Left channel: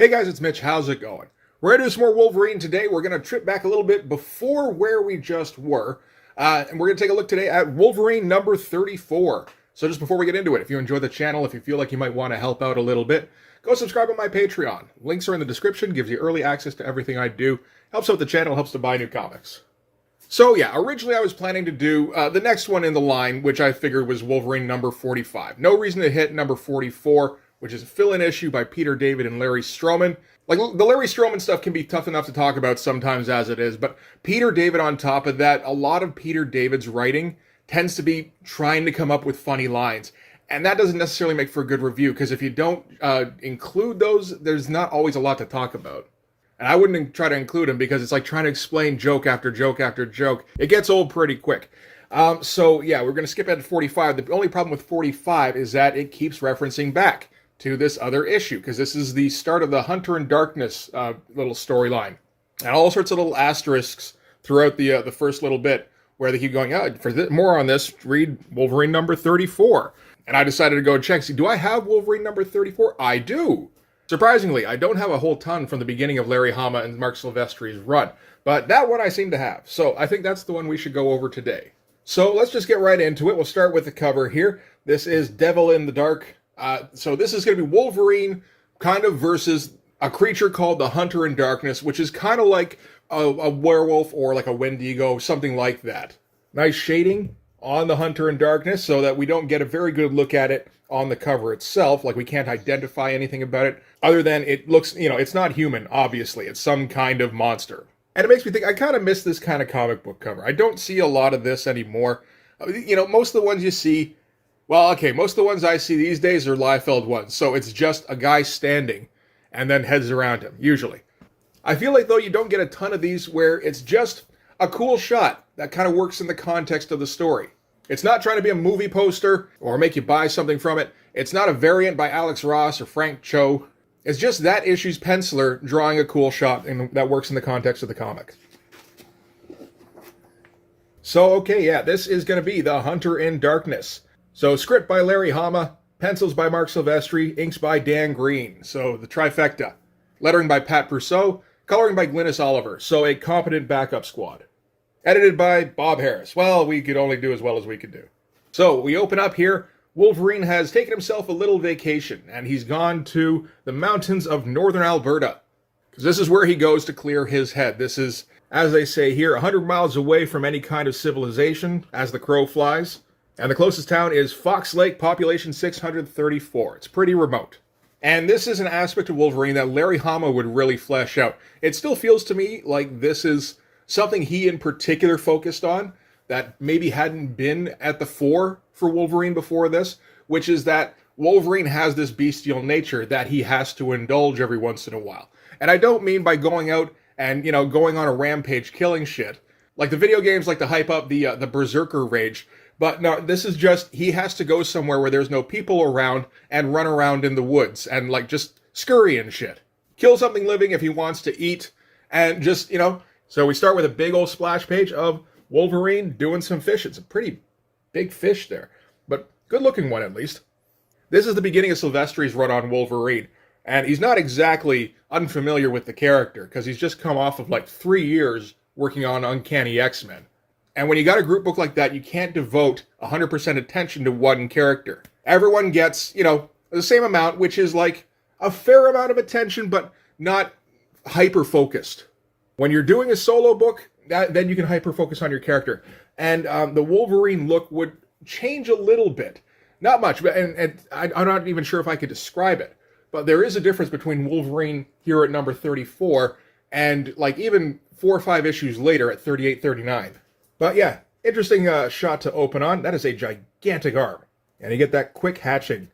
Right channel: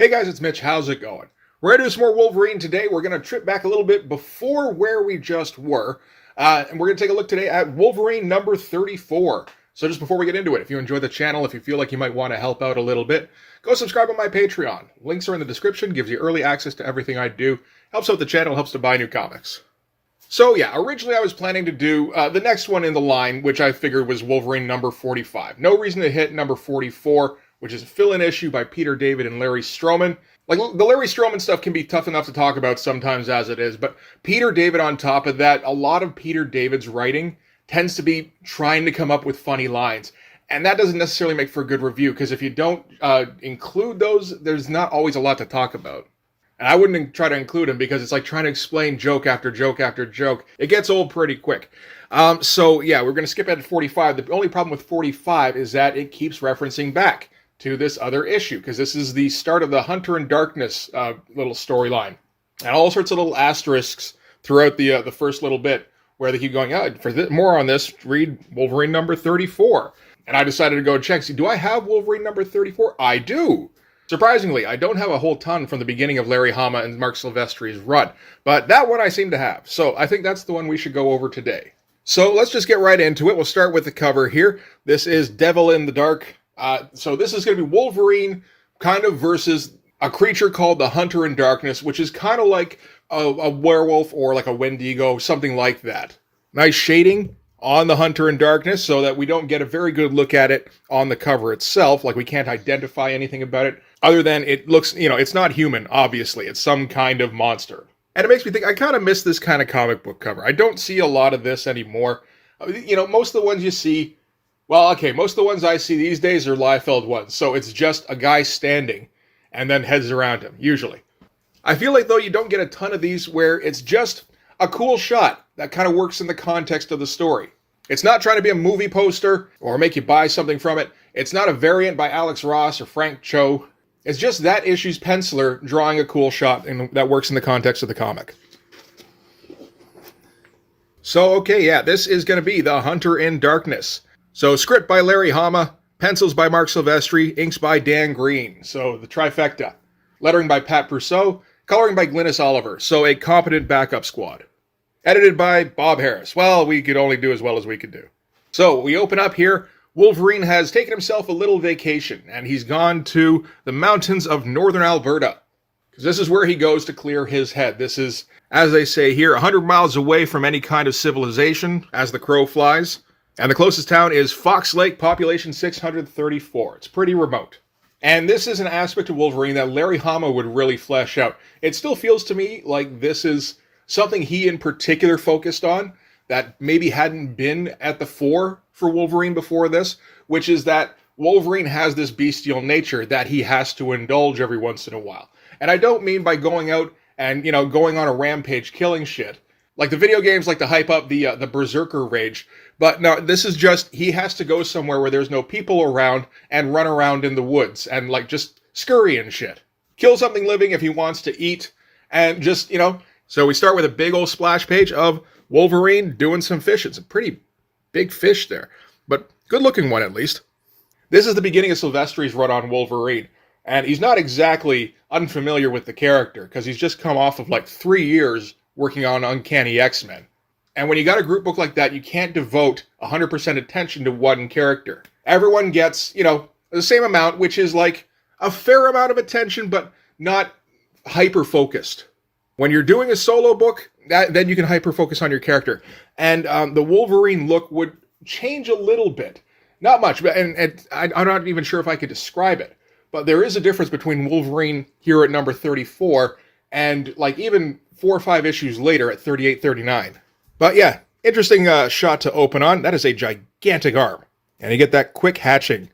Hey guys, it's Mitch. How's it going? We're going to do some more Wolverine today. We're going to trip back a little bit before where we just were. And we're going to take a look today at Wolverine number 34. So just before we get into it, if you enjoy the channel, if you feel like you might want to help out a little bit, go subscribe on my Patreon. Links are in the description, gives you early access to everything I do. Helps out the channel, helps to buy new comics. So yeah, originally I was planning to do the next one in the line, which I figured was Wolverine number 45. No reason to hit number 44, which is a fill-in issue by Peter David and Larry Stroman. Like, the Larry Stroman stuff can be tough enough to talk about sometimes as it is, but Peter David on top of that, a lot of Peter David's writing tends to be trying to come up with funny lines. And that doesn't necessarily make for a good review, because if you don't include those, there's not always a lot to talk about. And I wouldn't try to include them because it's like trying to explain joke after joke after joke. It gets old pretty quick. So yeah, we're going to skip ahead to 45. The only problem with 45 is that it keeps referencing back to this other issue, because this is the start of the Hunter in Darkness little storyline. And all sorts of little asterisks throughout the first little bit where they keep going, more on this, read Wolverine number 34. And I decided to go and check, see, do I have Wolverine number 34? I do. Surprisingly, I don't have a whole ton from the beginning of Larry Hama and Mark Silvestri's run, but that one I seem to have. So I think that's the one we should go over today. So let's just get right into it. We'll start with the cover here. This is Devil in the Dark. So this is going to be Wolverine kind of versus a creature called the Hunter in Darkness, which is kind of like a werewolf or like a Wendigo, something like that. Nice shading on the Hunter in Darkness so that we don't get a very good look at it on the cover itself. Like, we can't identify anything about it other than it looks, it's not human, obviously. It's some kind of monster. And it makes me think, I kind of miss this kind of comic book cover. I don't see a lot of this anymore. Most of the ones you see, most of the ones I see these days are Liefeld ones. So it's just a guy standing and then heads around him, usually. I feel like, though, you don't get a ton of these where it's just a cool shot that kind of works in the context of the story. It's not trying to be a movie poster or make you buy something from it. It's not a variant by Alex Ross or Frank Cho. It's just that issue's penciler drawing a cool shot that works in the context of the comic. So, okay, yeah, this is going to be The Hunter in Darkness. So, script by Larry Hama, pencils by Mark Silvestri, inks by Dan Green. So, the trifecta. Lettering by Pat Brousseau, coloring by Glynis Oliver. So, a competent backup squad. Edited by Bob Harris. Well, we could only do as well as we could do. So, we open up here. Wolverine has taken himself a little vacation, and he's gone to the mountains of northern Alberta. Because this is where he goes to clear his head. This is, as they say here, 100 miles away from any kind of civilization, as the crow flies. And the closest town is Fox Lake, population 634. It's pretty remote. And this is an aspect of Wolverine that Larry Hama would really flesh out. It still feels to me like this is something he in particular focused on that maybe hadn't been at the fore for Wolverine before this, which is that Wolverine has this bestial nature that he has to indulge every once in a while. And I don't mean by going out and, going on a rampage killing shit. Like the video games like to hype up the Berserker rage. But no, this is just, he has to go somewhere where there's no people around and run around in the woods and just scurry and shit. Kill something living if he wants to eat and just, So we start with a big old splash page of Wolverine doing some fish. It's a pretty big fish there, but good looking one at least. This is the beginning of Silvestri's run on Wolverine, and he's not exactly unfamiliar with the character because he's just come off of 3 years working on Uncanny X-Men. And when you got a group book like that, you can't devote 100% attention to one character. Everyone gets, the same amount, which is a fair amount of attention, but not hyper-focused. When you're doing a solo book, then you can hyper-focus on your character. And the Wolverine look would change a little bit. Not much, but and I'm not even sure if I could describe it. But there is a difference between Wolverine here at number 34 and even 4 or 5 issues later at 38, 39. But yeah, interesting shot to open on. That is a gigantic arm. And you get that quick hatching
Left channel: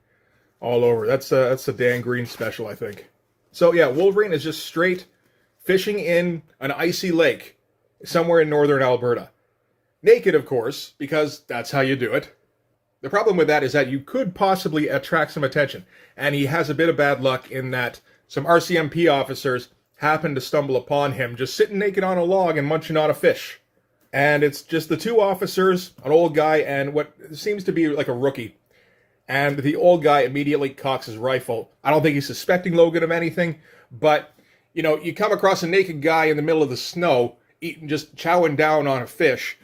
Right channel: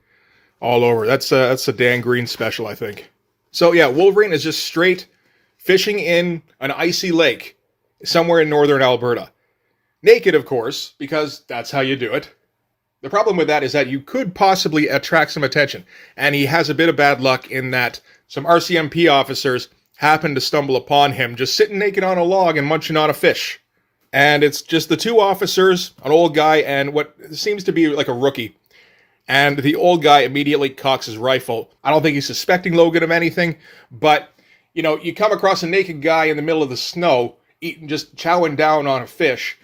all over. That's a Dan Green special, I think. So yeah, Wolverine is just straight fishing in an icy lake somewhere in northern Alberta. Naked, of course, because that's how you do it. The problem with that is that you could possibly attract some attention. And he has a bit of bad luck in that some RCMP officers happen to stumble upon him just sitting naked on a log and munching on a fish. And it's just the 2 officers, an old guy and what seems to be like a rookie. And the old guy immediately cocks his rifle. I don't think he's suspecting Logan of anything, but, you come across a naked guy in the middle of the snow, eating, just chowing down on a fish.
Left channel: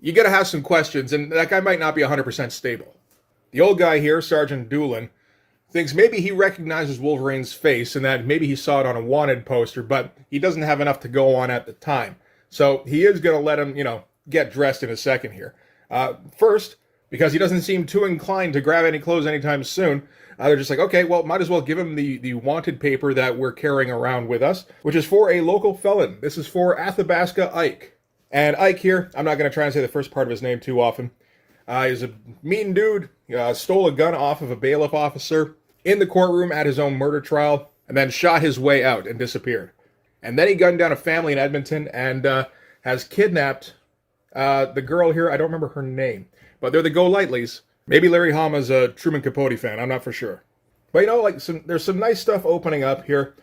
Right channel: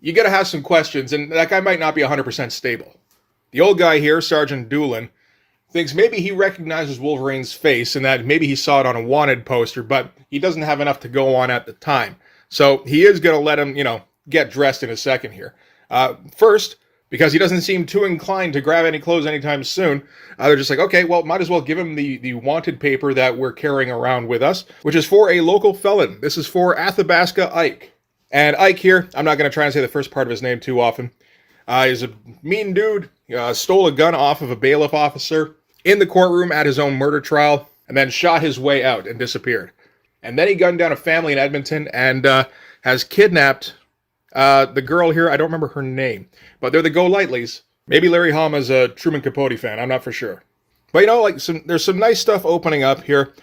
You gotta have some questions, and that guy might not be 100% stable. The old guy here, Sergeant Doolin, thinks maybe he recognizes Wolverine's face and that maybe he saw it on a wanted poster, but he doesn't have enough to go on at the time. So he is going to let him, get dressed in a second here. First, because he doesn't seem too inclined to grab any clothes anytime soon, they're just like, okay, well, might as well give him the wanted paper that we're carrying around with us, which is for a local felon. This is for Athabasca Ike. And Ike here, I'm not going to try and say the first part of his name too often. He's a mean dude, stole a gun off of a bailiff officer in the courtroom at his own murder trial, and then shot his way out and disappeared. And then he gunned down a family in Edmonton and has kidnapped the girl here. I don't remember her name, but they're the Go-Lightlies. Maybe Larry Hama's a Truman Capote fan. I'm not for sure. But there's some nice stuff opening up here.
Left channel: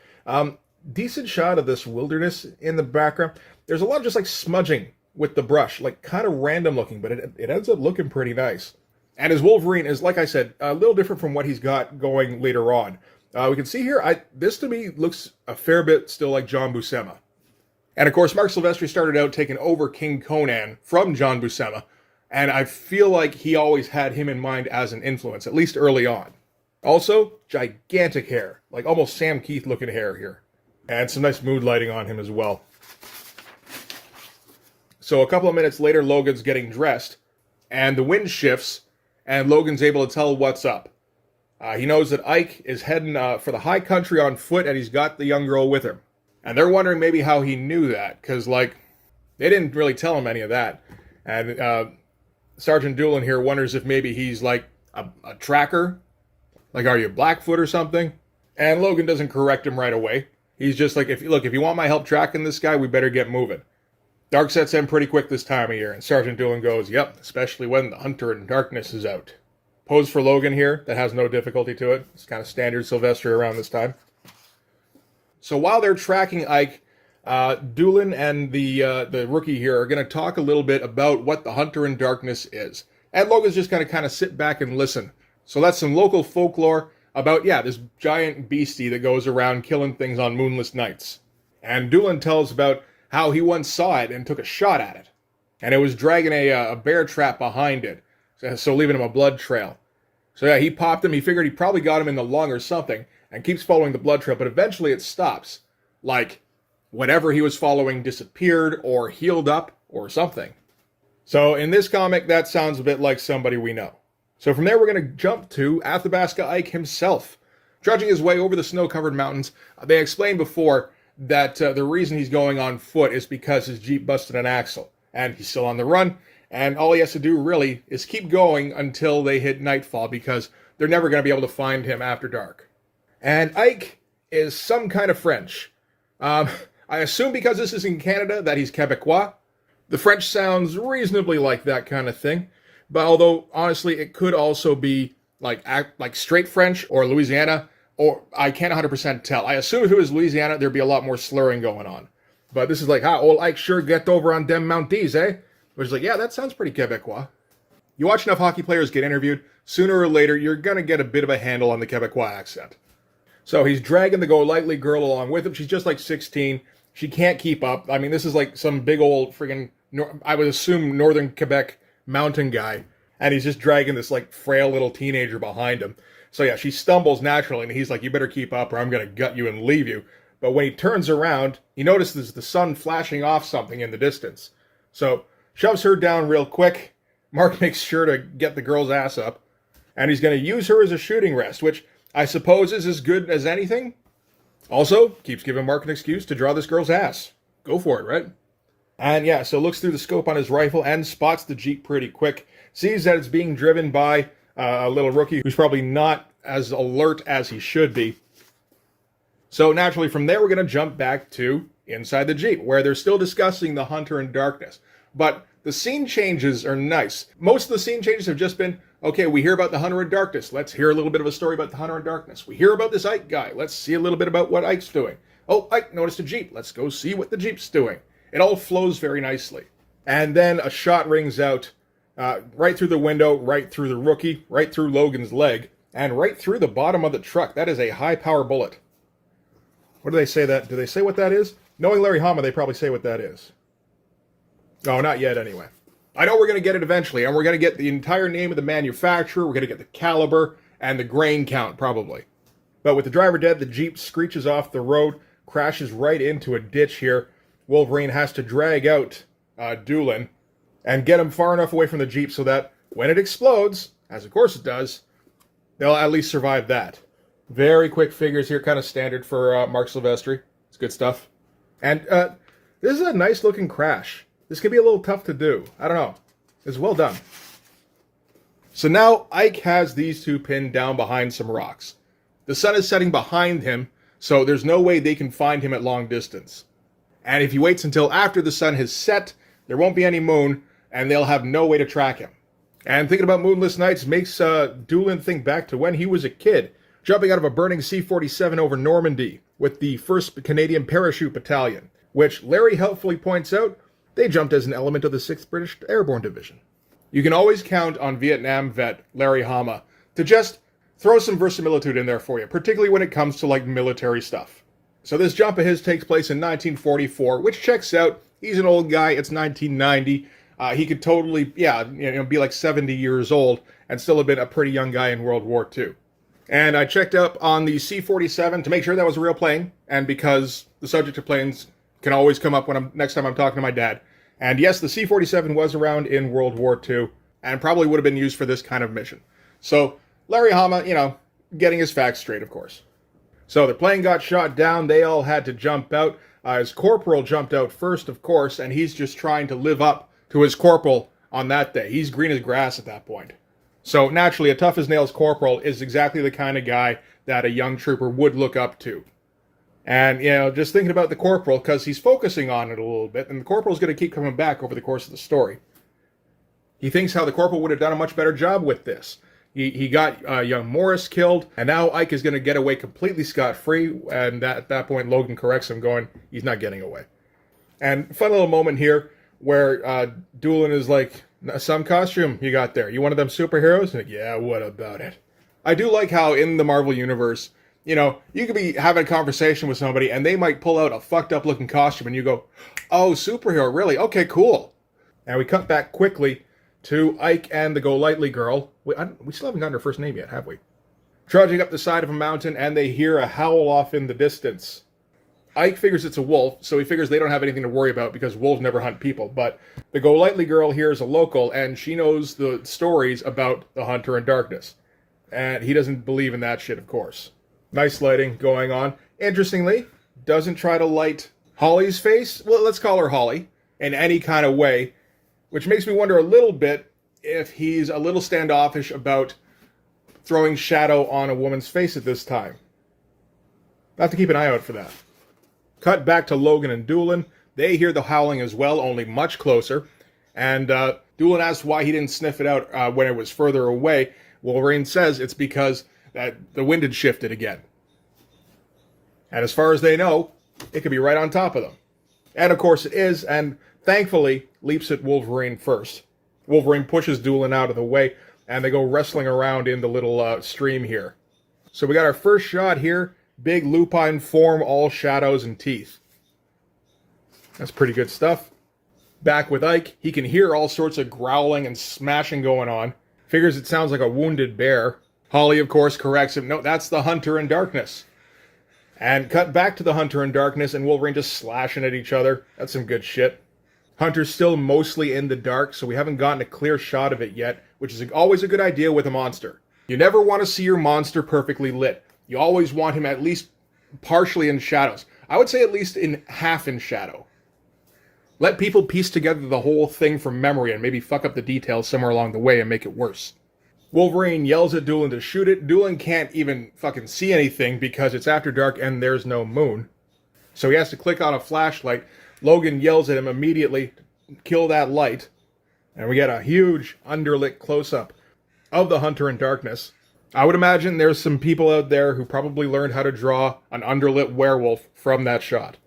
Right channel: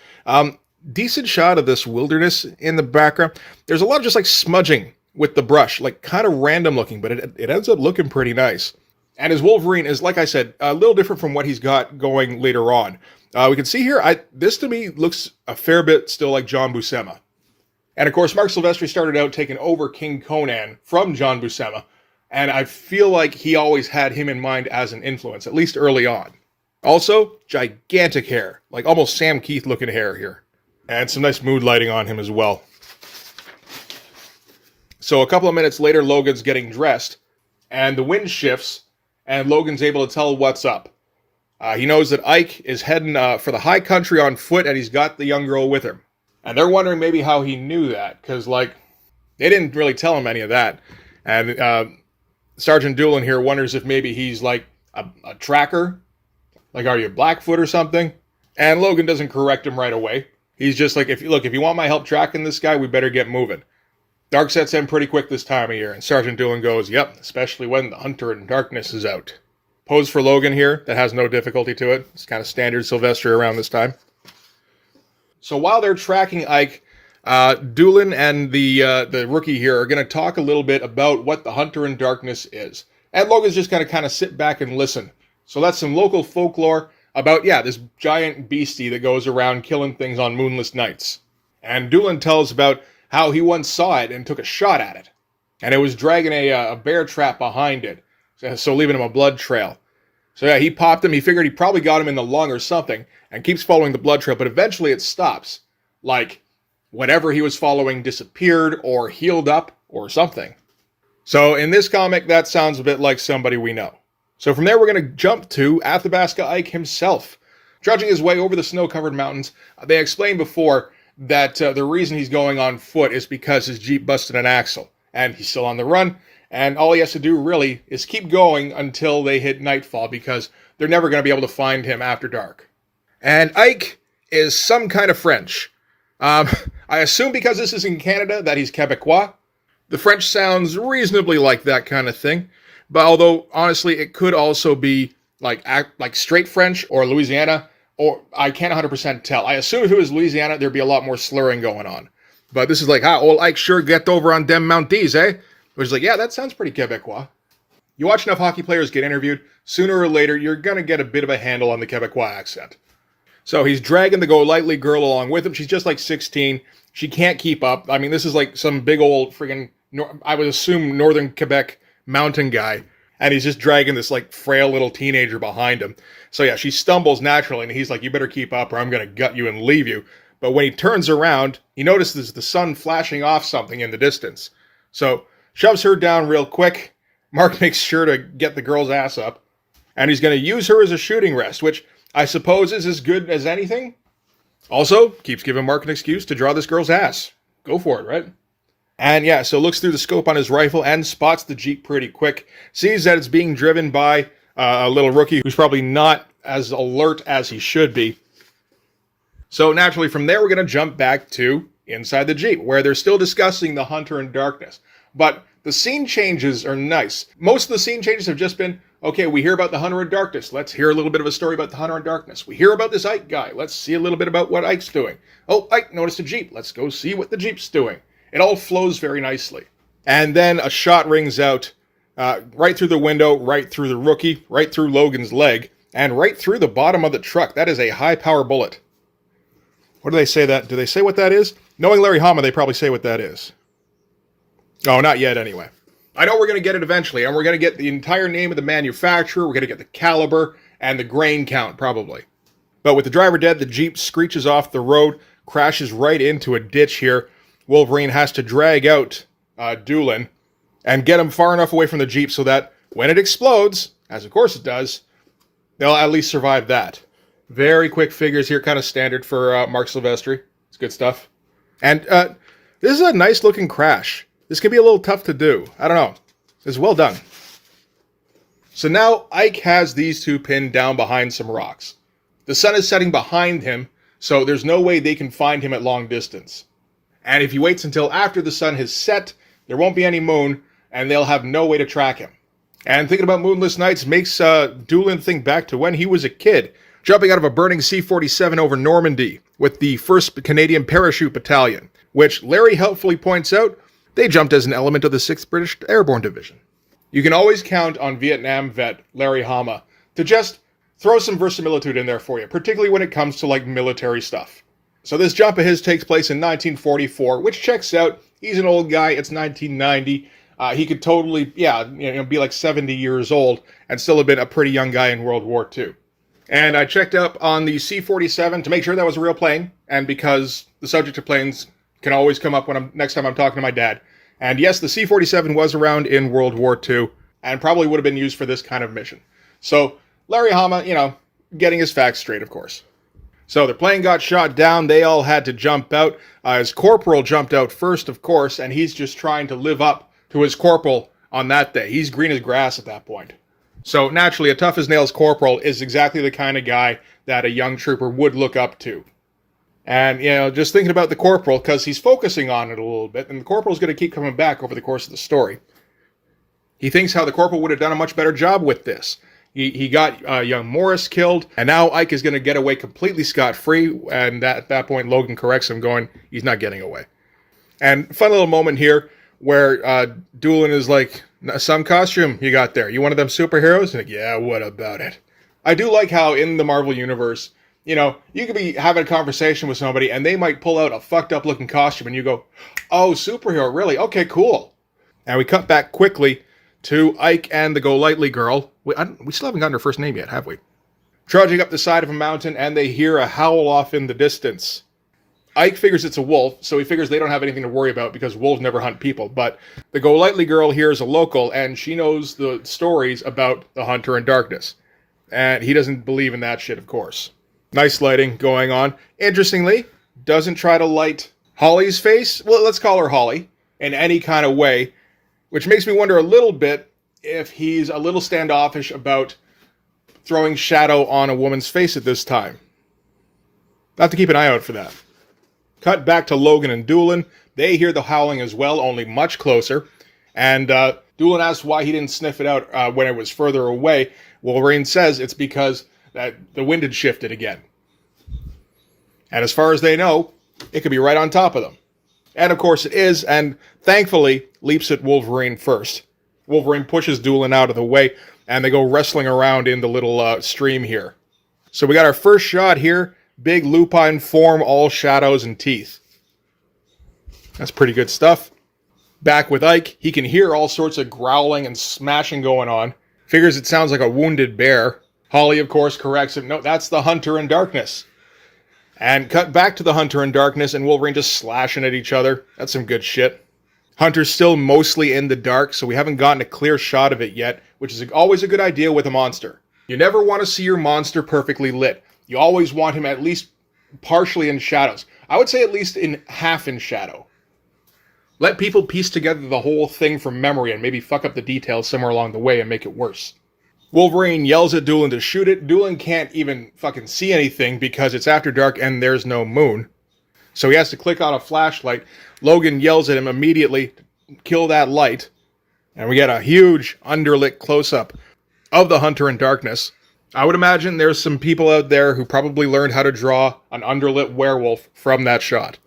Decent shot of this wilderness in the background. There's a lot of just smudging with the brush, kind of random looking, but it ends up looking pretty nice. And his Wolverine is, like I said, a little different from what he's got going later on. We can see here, this to me looks a fair bit still like John Buscema. And of course, Mark Silvestri started out taking over King Conan from John Buscema, and I feel like he always had him in mind as an influence, at least early on. Also, gigantic hair, like almost Sam Keith looking hair here. And some nice mood lighting on him as well. So a couple of minutes later, Logan's getting dressed, and the wind shifts, and Logan's able to tell what's up. He knows that Ike is heading for the high country on foot, and he's got the young girl with him. And they're wondering maybe how he knew that, because, they didn't really tell him any of that. And Sergeant Doolin here wonders if maybe he's, a tracker. Are you Blackfoot or something? And Logan doesn't correct him right away. He's just like, if you want my help tracking this guy, we better get moving. Dark sets in pretty quick this time of year, and Sergeant Doolin goes, yep, especially when the Hunter in Darkness is out. Pose for Logan here, that has no difficulty to it. It's kind of standard Silvestri around this time. So while they're tracking Ike, Doolin and the rookie here are going to talk a little bit about what the Hunter in Darkness is. And Logan's just going to kind of sit back and listen. So that's some local folklore about, this giant beastie that goes around killing things on moonless nights. And Doolin tells about how he once saw it and took a shot at it. And it was dragging a bear trap behind it, so leaving him a blood trail. So he popped him. He figured he probably got him in the lung or something, and keeps following the blood trail, but eventually it stops. Whatever he was following disappeared or healed up or something. So in this comic, that sounds a bit like somebody we know. So from there, we're going to jump to Athabasca Ike himself. Trudging his way over the snow-covered mountains, they explained before that the reason he's going on foot is because his Jeep busted an axle, and he's still on the run, and all he has to do really is keep going until they hit nightfall, because they're never going to be able to find him after dark. And Ike is some kind of French. I assume because this is in Canada that he's Quebecois. The French sounds reasonably like that kind of thing, but although honestly it could also be like straight French or Louisiana, or I can't 100% tell. I assume if it was Louisiana, there'd be a lot more slurring going on. But this is old Ike sure get over on dem Mounties, eh? Which is yeah, that sounds pretty Quebecois. You watch enough hockey players get interviewed, sooner or later, you're going to get a bit of a handle on the Quebecois accent. So he's dragging the Go-Lightly girl along with him. She's just 16. She can't keep up. I mean, this is some big old friggin', I would assume, northern Quebec mountain guy. And he's just dragging this frail little teenager behind him. So yeah, she stumbles naturally, and he's you better keep up or I'm going to gut you and leave you. But when he turns around, he notices the sun flashing off something in the distance. So shoves her down real quick. Mark makes sure to get the girl's ass up. And he's going to use her as a shooting rest, which I suppose is as good as anything. Also, keeps giving Mark an excuse to draw this girl's ass. Go for it, right? And yeah, so looks through the scope on his rifle and spots the Jeep pretty quick. Sees that it's being driven by a little rookie who's probably not as alert as he should be. So naturally from there, we're going to jump back to inside the Jeep, where they're still discussing the Hunter in Darkness. But the scene changes are nice. Most of the scene changes have just been, okay, we hear about the Hunter in Darkness. Let's hear a little bit of a story about the Hunter in Darkness. We hear about this Ike guy. Let's see a little bit about what Ike's doing. Oh, Ike noticed a Jeep. Let's go see what the Jeep's doing. It all flows very nicely. And then a shot rings out Right through the window, right through the rookie, right through Logan's leg, and right through the bottom of the truck. That is a high-power bullet. What do they say that? Do they say what that is? Knowing Larry Hama, they probably say what that is. Oh, not yet anyway. I know we're going to get it eventually, and we're going to get the entire name of the manufacturer, we're going to get the caliber, and the grain count, probably. But with the driver dead, the Jeep screeches off the road, crashes right into a ditch here. Wolverine has to drag out Doolin and get him far enough away from the Jeep so that when it explodes, as of course it does, they'll at least survive that. Very quick figures here, kind of standard for Mark Silvestri. It's good stuff. And this is a nice looking crash. This can be a little tough to do. I don't know. It's well done. So now Ike has these two pinned down behind some rocks. The sun is setting behind him, so there's no way they can find him at long distance. And if he waits until after the sun has set, there won't be any moon, and they'll have no way to track him. And thinking about moonless nights makes Doolin think back to when he was a kid, jumping out of a burning C-47 over Normandy with the 1st Canadian Parachute Battalion, which Larry helpfully points out they jumped as an element of the 6th British Airborne Division. You can always count on Vietnam vet Larry Hama to just throw some verisimilitude in there for you, particularly when it comes to like military stuff. So this jump of his takes place in 1944, which checks out. He's an old guy. It's 1990. He could totally, be like 70 years old and still have been a pretty young guy in World War II. And I checked up on the C-47 to make sure that was a real plane, and because the subject of planes can always come up when next time I'm talking to my dad. And yes, the C-47 was around in World War II and probably would have been used for this kind of mission. So Larry Hama, getting his facts straight, of course. So the plane got shot down. They all had to jump out. His corporal jumped out first, of course, and he's just trying to live up to his corporal on that day. He's green as grass at that point. So naturally, a tough-as-nails corporal is exactly the kind of guy that a young trooper would look up to. And, just thinking about the corporal, because he's focusing on it a little bit, and the corporal's going to keep coming back over the course of the story. He thinks how the corporal would have done a much better job with this. He got young Morris killed, and now Ike is going to get away completely scot-free, and at that point Logan corrects him, going, he's not getting away. And fun little moment here where Doolin is like, some costume you got there. You one of them superheroes? And like, yeah, what about it? I do like how in the Marvel Universe, you could be having a conversation with somebody, and they might pull out a fucked-up looking costume, and you go, oh, superhero, really? Okay, cool. And we cut back quickly to Ike and the Go-Lightly girl. We still haven't gotten her first name yet, have we? Trudging up the side of a mountain, and they hear a howl off in the distance. Ike figures it's a wolf, so he figures they don't have anything to worry about because wolves never hunt people. But the Go-Lightly girl here is a local, and she knows the stories about the Hunter in Darkness. And he doesn't believe in that shit, of course. Nice lighting going on. Interestingly, doesn't try to light Holly's face. Well, let's call her Holly, in any kind of way. Which makes me wonder a little bit if he's a little standoffish about throwing shadow on a woman's face at this time. I'll have to keep an eye out for that. Cut back to Logan and Doolin. They hear the howling as well, only much closer. And Doolin asks why he didn't sniff it out when it was further away. Wolverine says it's because the wind had shifted again. And as far as they know, it could be right on top of them. And of course it is, and thankfully leaps at Wolverine first. Wolverine pushes Doolin out of the way, and they go wrestling around in the little stream here. So we got our first shot here. Big lupine form, all shadows and teeth. That's pretty good stuff. Back with Ike, he can hear all sorts of growling and smashing going on. Figures it sounds like a wounded bear. Holly, of course, corrects him. No, that's the Hunter in Darkness. And cut back to the Hunter in Darkness, and Wolverine just slashing at each other. That's some good shit. Hunter's still mostly in the dark, so we haven't gotten a clear shot of it yet, which is always a good idea with a monster. You never want to see your monster perfectly lit. You always want him at least partially in shadows. I would say at least in half in shadow. Let people piece together the whole thing from memory and maybe fuck up the details somewhere along the way and make it worse. Wolverine yells at Doolin to shoot it. Doolin can't even fucking see anything because it's after dark and there's no moon. So he has to click on a flashlight. Logan yells at him immediately to kill that light. And we get a huge underlit close-up of the Hunter in Darkness. I would imagine there's some people out there who probably learned how to draw an underlit werewolf from that shot.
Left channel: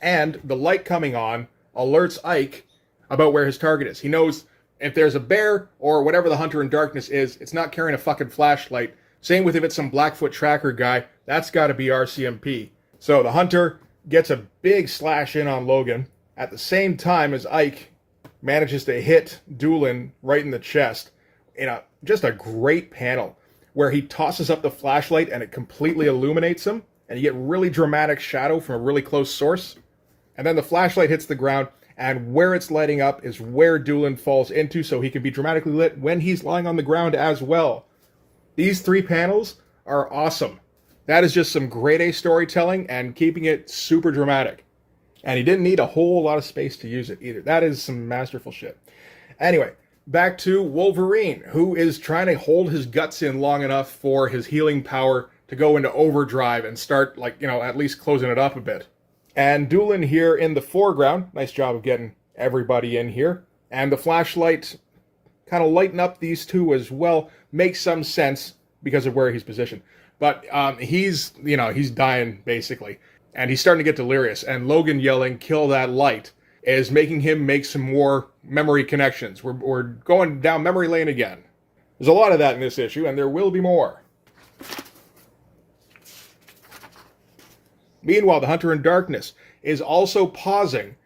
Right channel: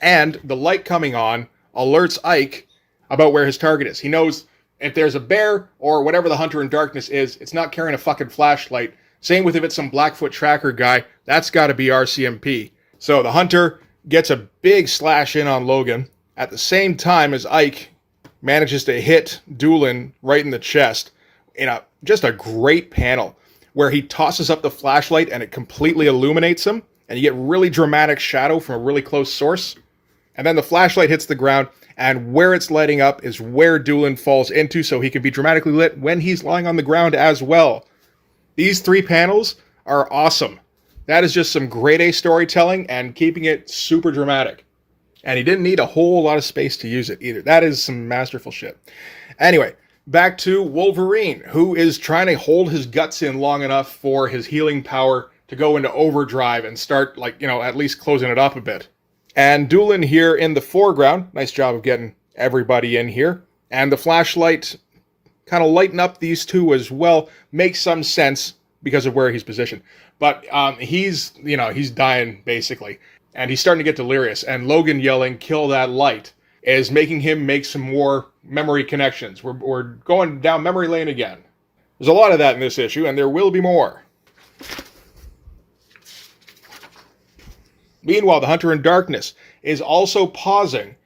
And the light coming on alerts Ike about where his target is. He knows if there's a bear or whatever the Hunter in Darkness is, it's not carrying a fucking flashlight. Same with if it's some Blackfoot tracker guy, that's got to be RCMP. So the Hunter gets a big slash in on Logan at the same time as Ike manages to hit Doolin right in the chest in just a great panel where he tosses up the flashlight and it completely illuminates him, and you get really dramatic shadow from a really close source. And then the flashlight hits the ground, and where it's lighting up is where Doolin falls into, so he can be dramatically lit when he's lying on the ground as well. These 3 panels are awesome. That is just some grade A storytelling and keeping it super dramatic. And he didn't need a whole lot of space to use it either. That is some masterful shit. Anyway, back to Wolverine, who is trying to hold his guts in long enough for his healing power to go into overdrive and start, at least closing it up a bit. And Doolin here in the foreground, nice job of getting everybody in here. And the flashlight kind of lighting up these two as well makes some sense because of where he's positioned. But he's dying basically. And he's starting to get delirious. And Logan yelling, "Kill that light," is making him make some more memory connections. We're going down memory lane again. There's a lot of that in this issue, and there will be more. Meanwhile, the Hunter in Darkness is also pausing.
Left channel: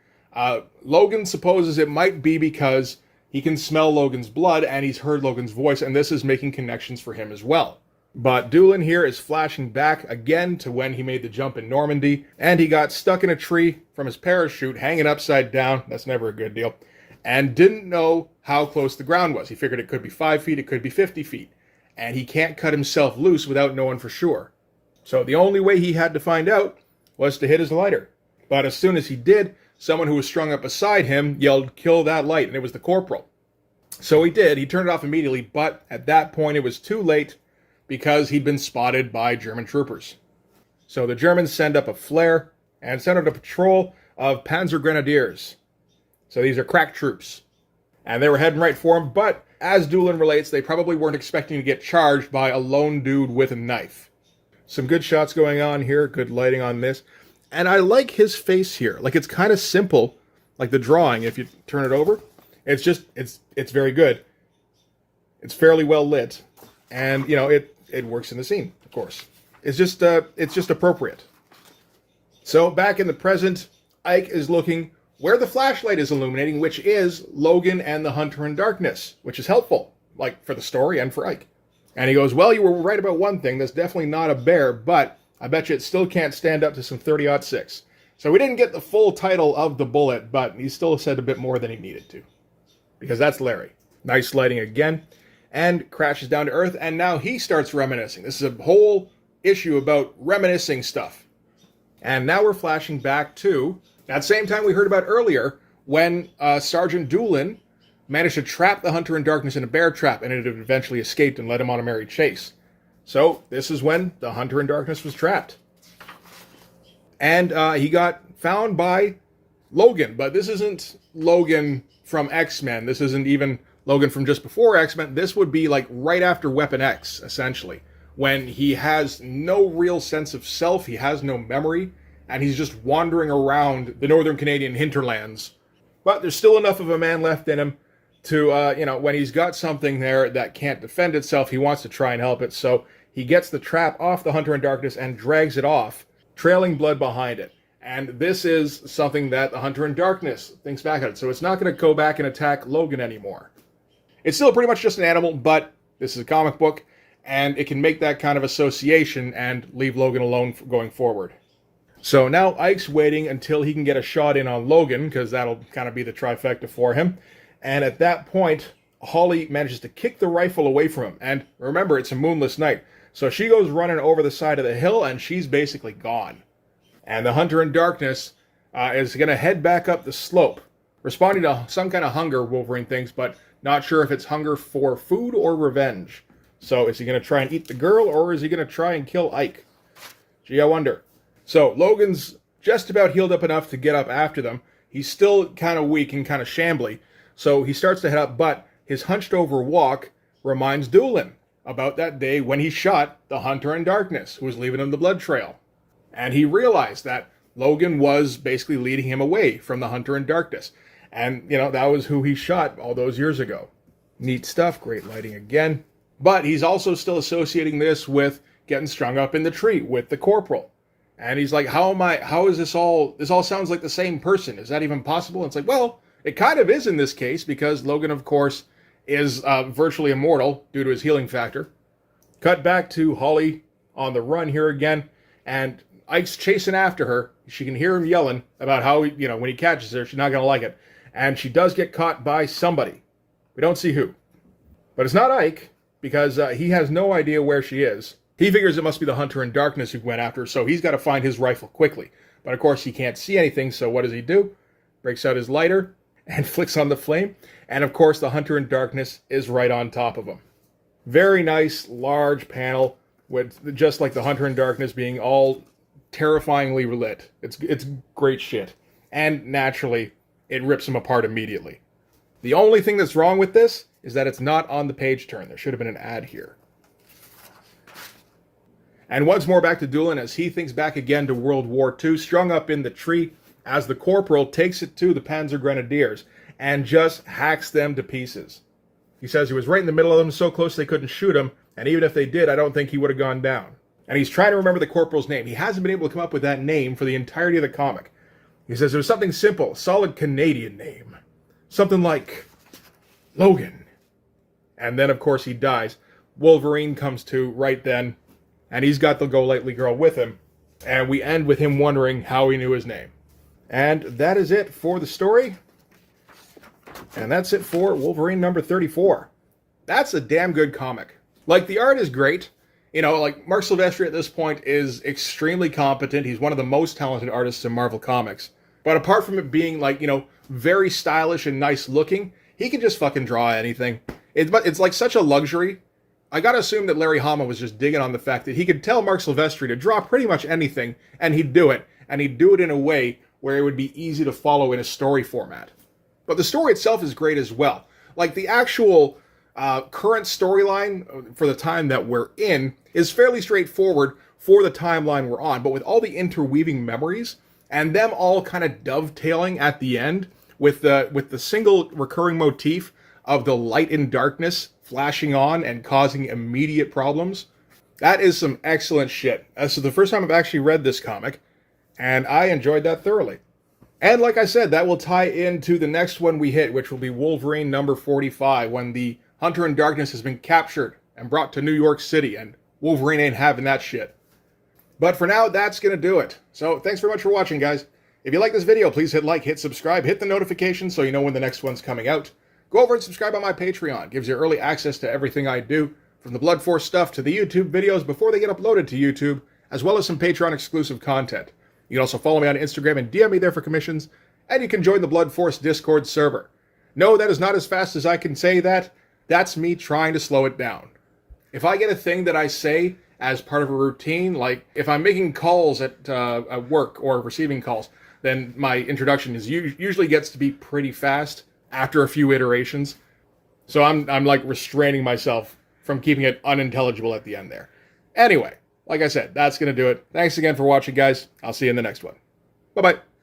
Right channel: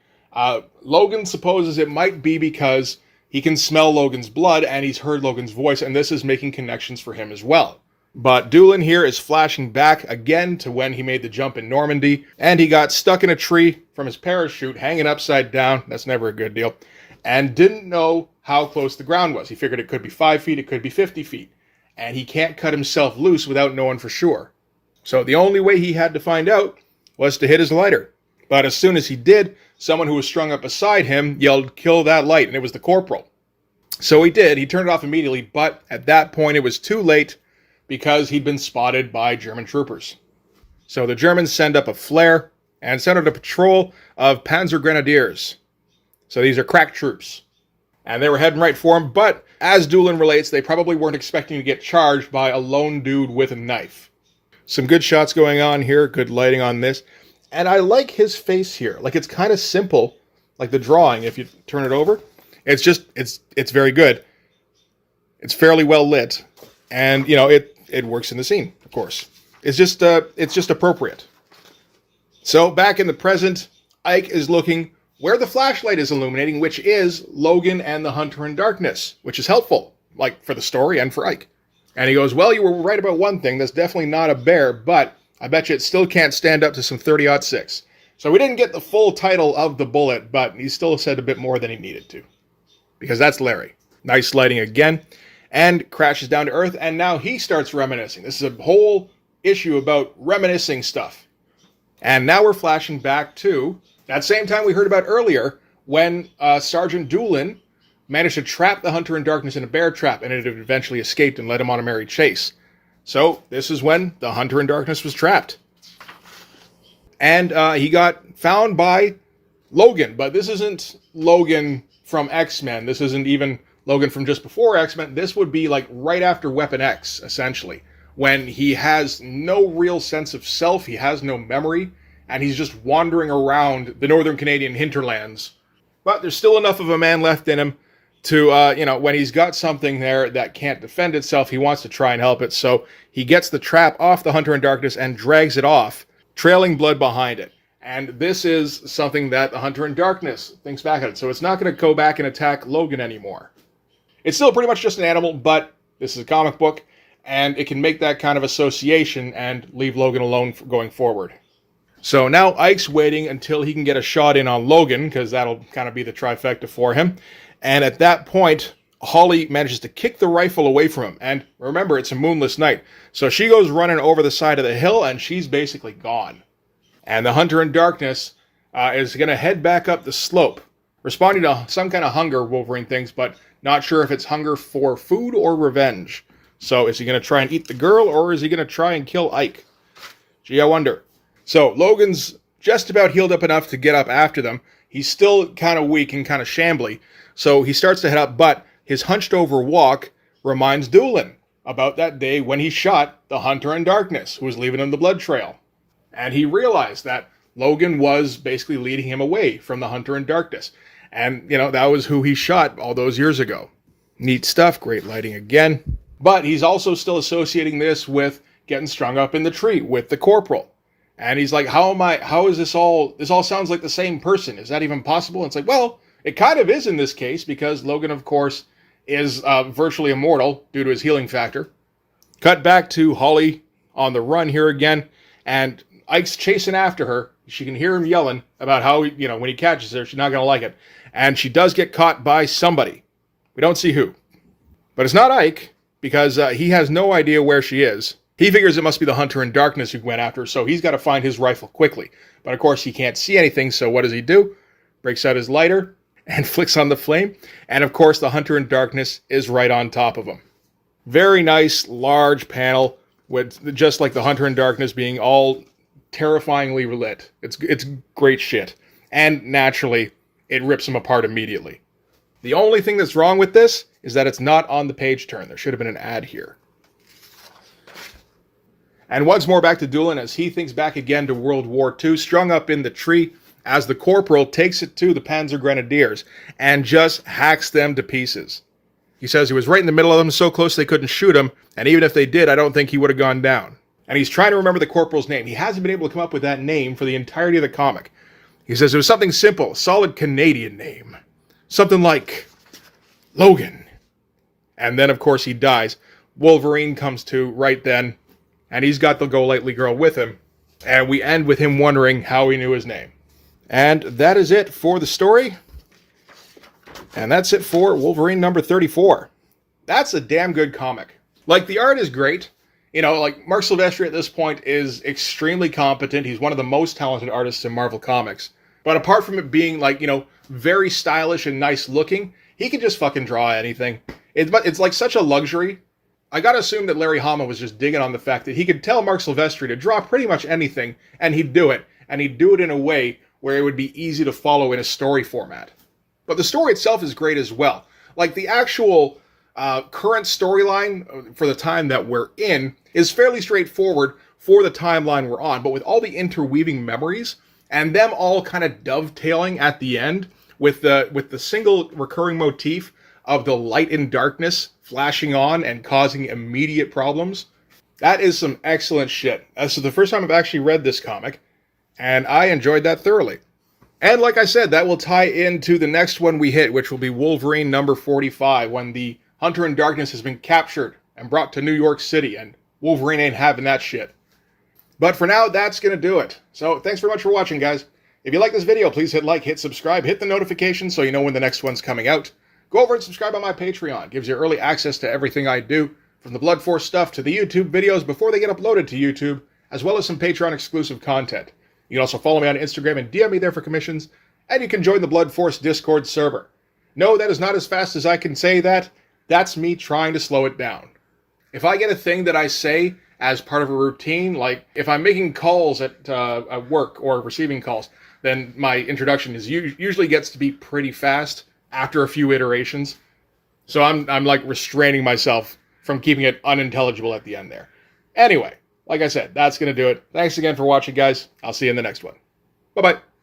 Logan supposes it might be because he can smell Logan's blood and he's heard Logan's voice, and this is making connections for him as well. But Doolin here is flashing back again to when he made the jump in Normandy, and he got stuck in a tree from his parachute, hanging upside down. That's never a good deal. And didn't know how close the ground was. He figured it could be 5 feet, it could be 50 feet. And he can't cut himself loose without knowing for sure. So the only way he had to find out was to hit his lighter. But as soon as he did, someone who was strung up beside him yelled, "Kill that light," and it was the corporal. So he did. He turned it off immediately, but at that point it was too late because he'd been spotted by German troopers. So the Germans send up a flare and send out a patrol of Panzer Grenadiers. So these are crack troops. And they were heading right for him, but as Doolin relates, they probably weren't expecting to get charged by a lone dude with a knife. Some good shots going on here, good lighting on this. And I like his face here. It's kind of simple, like the drawing, if you turn it over. It's very good. It's fairly well lit. And, it works in the scene, of course. It's just appropriate. So back in the present, Ike is looking where the flashlight is illuminating, which is Logan and the Hunter in Darkness, which is helpful, for the story and for Ike. And he goes, "Well, you were right about one thing. That's definitely not a bear, but I bet you it still can't stand up to some 30-06. So we didn't get the full title of the bullet, but he still said a bit more than he needed to. Because that's Larry. Nice lighting again. And crashes down to Earth, and now he starts reminiscing. This is a whole issue about reminiscing stuff. And now we're flashing back to that same time we heard about earlier, when Sergeant Doolin managed to trap the Hunter in Darkness in a bear trap, and it eventually escaped and led him on a merry chase. So this is when the Hunter in Darkness was trapped. And he got found by Logan, but this isn't Logan from X-Men. This isn't even Logan from just before X-Men. This would be right after Weapon X, essentially, when he has no real sense of self, he has no memory, and he's just wandering around the northern Canadian hinterlands. But there's still enough of a man left in him to, when he's got something there that can't defend itself, he wants to try and help it. So he gets the trap off the Hunter in Darkness and drags it off, trailing blood behind it. And this is something that the Hunter in Darkness thinks back at it. So it's not going to go back and attack Logan anymore. It's still pretty much just an animal, but this is a comic book, and it can make that kind of association and leave Logan alone going forward. So now Ike's waiting until he can get a shot in on Logan, because that'll kind of be the trifecta for him. And at that point, Holly manages to kick the rifle away from him. And remember, it's a moonless night. So she goes running over the side of the hill, and she's basically gone. And the Hunter in Darkness is going to head back up the slope, responding to some kind of hunger, Wolverine thinks, but not sure if it's hunger for food or revenge. So is he going to try and eat the girl, or is he going to try and kill Ike? Gee, I wonder. So Logan's just about healed up enough to get up after them. He's still kind of weak and kind of shambly. So he starts to head up, but his hunched over walk reminds Doolin about that day when he shot the Hunter in Darkness, who was leaving him the blood trail. And he realized that Logan was basically leading him away from the Hunter in Darkness. And, that was who he shot all those years ago. Neat stuff, great lighting again. But he's also still associating this with getting strung up in the tree with the corporal. And he's like, how is this all sounds like the same person. Is that even possible? And it's like, well, it kind of is in this case, because Logan, of course, is virtually immortal due to his healing factor. Cut back to Holly on the run here again, and Ike's chasing after her. She can hear him yelling about how, when he catches her, she's not going to like it. And she does get caught by somebody. We don't see who. But it's not Ike, because he has no idea where she is. He figures it must be the hunter in darkness who went after her, so he's got to find his rifle quickly. But of course, he can't see anything, so what does he do? Breaks out his lighter and flicks on the flame. And of course, the hunter in darkness is right on top of him. Very nice, large panel with just like the hunter in darkness being all terrifyingly lit. It's great shit. And naturally, it rips him apart immediately. The only thing that's wrong with this is that it's not on the page turn. There should have been an ad here. And once more back to Doolin as he thinks back again to World War II, strung up in the tree, as the corporal takes it to the Panzer Grenadiers and just hacks them to pieces. He says he was right in the middle of them, so close they couldn't shoot him, and even if they did, I don't think he would have gone down. And he's trying to remember the corporal's name. He hasn't been able to come up with that name for the entirety of the comic. He says it was something simple, a solid Canadian name. Something like Logan. And then, of course, he dies. Wolverine comes to right then, and he's got the Go-Lightly girl with him. And we end with him wondering how he knew his name. And that is it for the story. And that's it for Wolverine number 34. That's a damn good comic. Like, the art is great. Like, Mark Silvestri at this point is extremely competent. He's one of the most talented artists in Marvel Comics. But apart from it being, like, very stylish and nice looking, he can just fucking draw anything. It's like such a luxury. I gotta assume that Larry Hama was just digging on the fact that he could tell Mark Silvestri to draw pretty much anything, and he'd do it. And he'd do it in a way where it would be easy to follow in a story format. But the story itself is great as well. Like, the actual current storyline for the time that we're in is fairly straightforward for the timeline we're on, but with all the interweaving memories and them all kind of dovetailing at the end with the single recurring motif of the light and darkness flashing on and causing immediate problems, that is some excellent shit. This is the first time I've actually read this comic, and I enjoyed that thoroughly. And like I said, that will tie into the next one we hit, which will be Wolverine number 45, when the Hunter in Darkness has been captured and brought to New York City, and Wolverine ain't having that shit. But for now, that's going to do it. So thanks very much for watching, guys. If you like this video, please hit like, hit subscribe, hit the notification so you know when the next one's coming out. Go over and subscribe on my Patreon. It gives you early access to everything I do, from the Blood Force stuff to the YouTube videos before they get uploaded to YouTube, as well as some Patreon exclusive content. You can also follow me on Instagram and DM me there for commissions, and you can join the Blood Force Discord server. No, that is not as fast as I can say that. That's me trying to slow it down. If I get a thing that I say as part of a routine, like if I'm making calls at work or receiving calls, then my introduction usually gets to be pretty fast after a few iterations. So I'm like restraining myself from keeping it unintelligible at the end there. Anyway, like I said, that's going to do it. Thanks again for watching, guys. I'll see you in the next one. Bye-bye.